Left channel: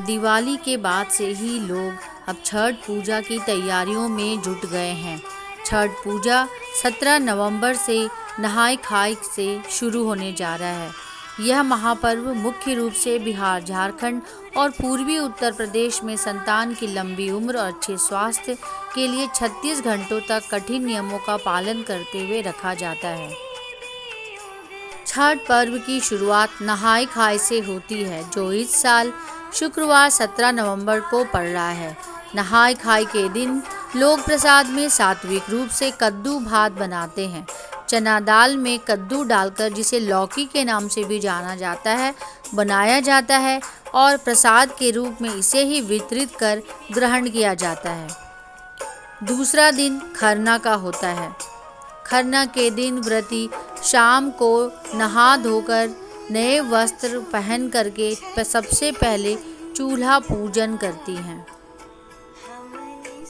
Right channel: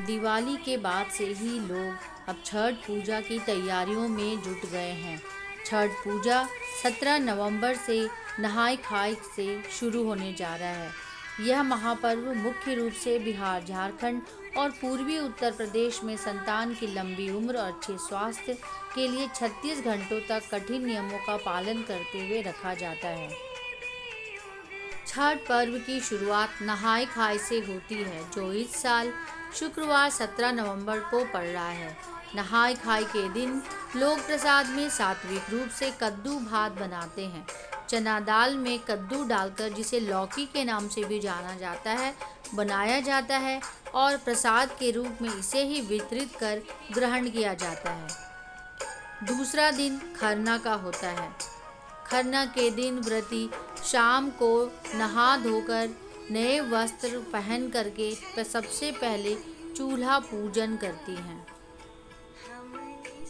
दिवाली के बाद से ही लोग अब छठ पूजा की तैयारियों में जुट गए हैं। छठ पूजा 17 नवंबर से नहाय खाय से शुरू होने जा रहा है। यह महापर्व मुख्य रूप से बिहार, झारखंड और पूर्वी उत्तर प्रदेश में संतान की लंबी उम्र और अच्छे स्वास्थ्य के लिए 36 घंटों तक कठिन नियमों का पालन करते हुए रखा जाता है। छठ पर्व की शुरुआत नहाय खाय से होती है, जो इस साल शुक्रवार 17 नवंबर को पड़ रहा है। नहाय खाय के दिन लोग प्रसाद में सात्विक रूप से कद्दू भात बनाते हैं। चना दाल में कद्दू डालकर, जिसे लौकी के नाम से भी जाना जाता है, बनाया जाता है और प्रसाद के रूप में इसे ही वितरित कर ग्रहण किया जाता है। दूसरा दिन खरना का होता है। खरना के दिन व्रती शाम को नहा धोकर नए वस्त्र पहन करके सबसे पहले चूल्हा पूजन करती हैं।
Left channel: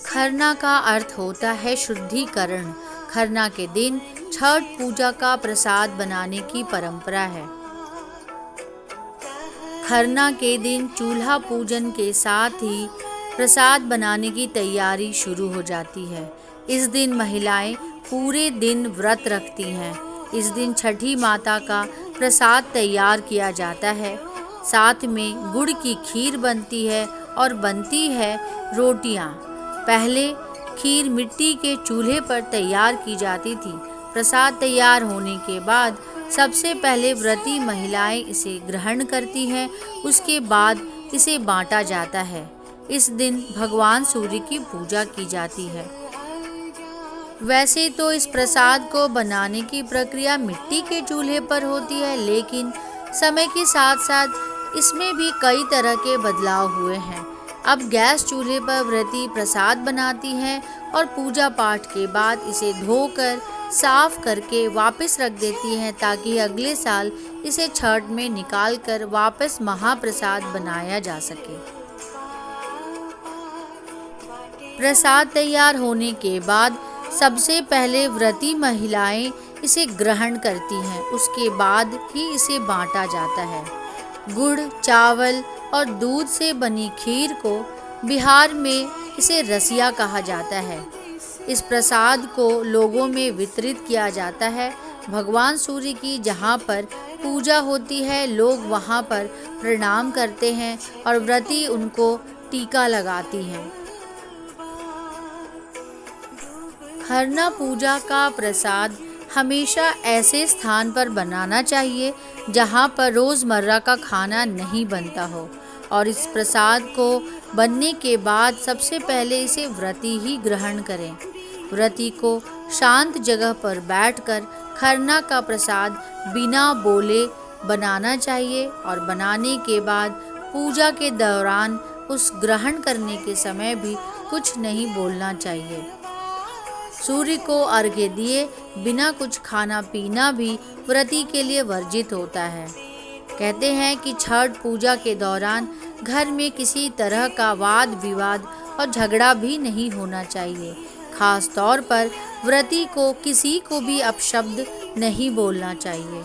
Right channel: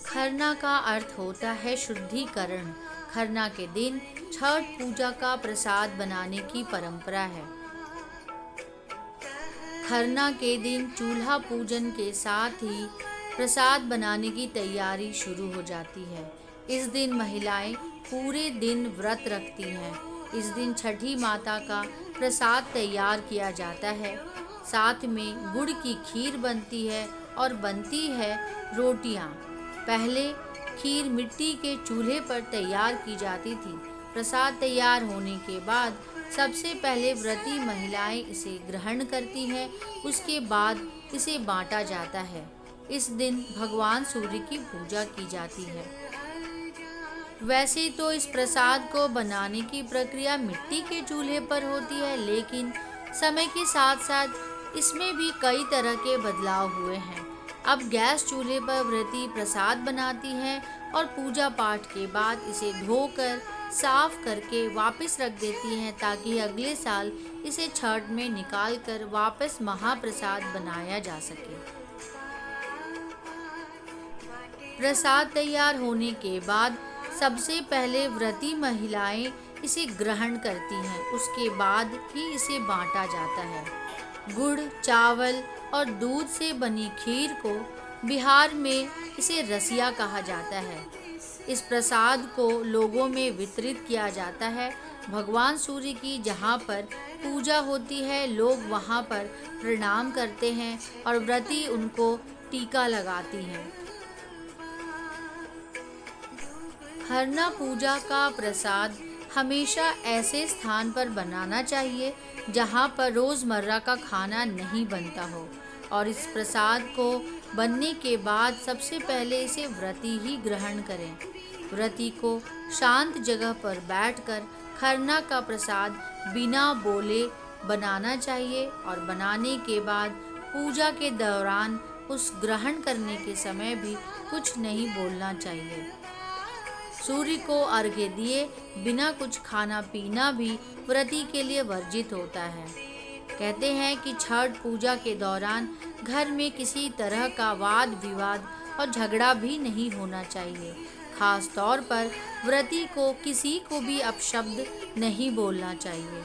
खरना का अर्थ होता है शुद्धिकरण। खरना के दिन छठ पूजा का प्रसाद बनाने की परंपरा है। खरना के दिन चूल्हा पूजन के साथ ही प्रसाद बनाने की तैयारी शुरू हो जाती है। इस दिन महिलाएं पूरे दिन व्रत रखती हैं। इस दिन छठी माता का प्रसाद तैयार किया जाता है। साथ में गुड़ की खीर बनती है और बनती है रोटियां। पहले खीर मिट्टी के चूल्हे पर तैयार की जाती थी। प्रसाद तैयार होने के बाद सबसे पहले व्रती महिलाएं इसे ग्रहण करती हैं। उसके बाद इसे बांटा जाता है। इस दिन भगवान सूर्य की पूजा की जाती है। वैसे तो इस प्रसाद को बनाने की प्रक्रिया मिट्टी के चूल्हे पर होती है, लेकिन समय के साथ साथ इसमें भी कई तरह के बदलाव हुए हैं। अब गैस चूल्हे पर व्रती प्रसाद बनाती हैं और पूजा पाठ के बाद इसे धोकर साफ करके वापस रख देती हैं, ताकि अगले साल इसे छठ में निकाल कर वापस महाप्रसाद बनाया जा सके। प्रसाद तैयार होने के बाद सबसे पहले व्रती महिलाएं इसे ग्रहण करती हैं। उसके बाद ही इसे बांटा जाता है। गुड़, चावल और दूध से बनी खीर को बिहार में इसे रसिया कहा जाता है। इस प्रसाद को लोगों में वितरित किया जाता है। भगवान सूर्य की जहाँ पर पूजा होती है, लोग वहाँ पर प्रणाम करते हैं और व्रती उनको टीका लगाती हैं। खरना पूजा का प्रसाद हमेशा ऐसे स्थान पर बनाना चाहिए जहाँ पर रोज़मर्रा का खाना नहीं बनता हो, और इस प्रसाद को बनने के बाद सबसे पहले इसे व्रती ही ग्रहण करें। व्रती को शांत जगह पर बैठकर खरना का प्रसाद बिना बोले बनाना चाहिए और बनाने के बाद पूजा के दौरान उस ग्रहण करने के समय भी कुछ नहीं बोलना चाहिए। सूर्य को अर्घ्य दिए बिना कुछ खाना पीना भी व्रती के लिए वर्जित होता है। कहते हैं कि छठ पूजा के दौरान घर में किसी तरह का वाद विवाद और झगड़ा भी नहीं होना चाहिए। खास तौर पर व्रती को किसी को भी अपशब्द नहीं बोलना चाहिए।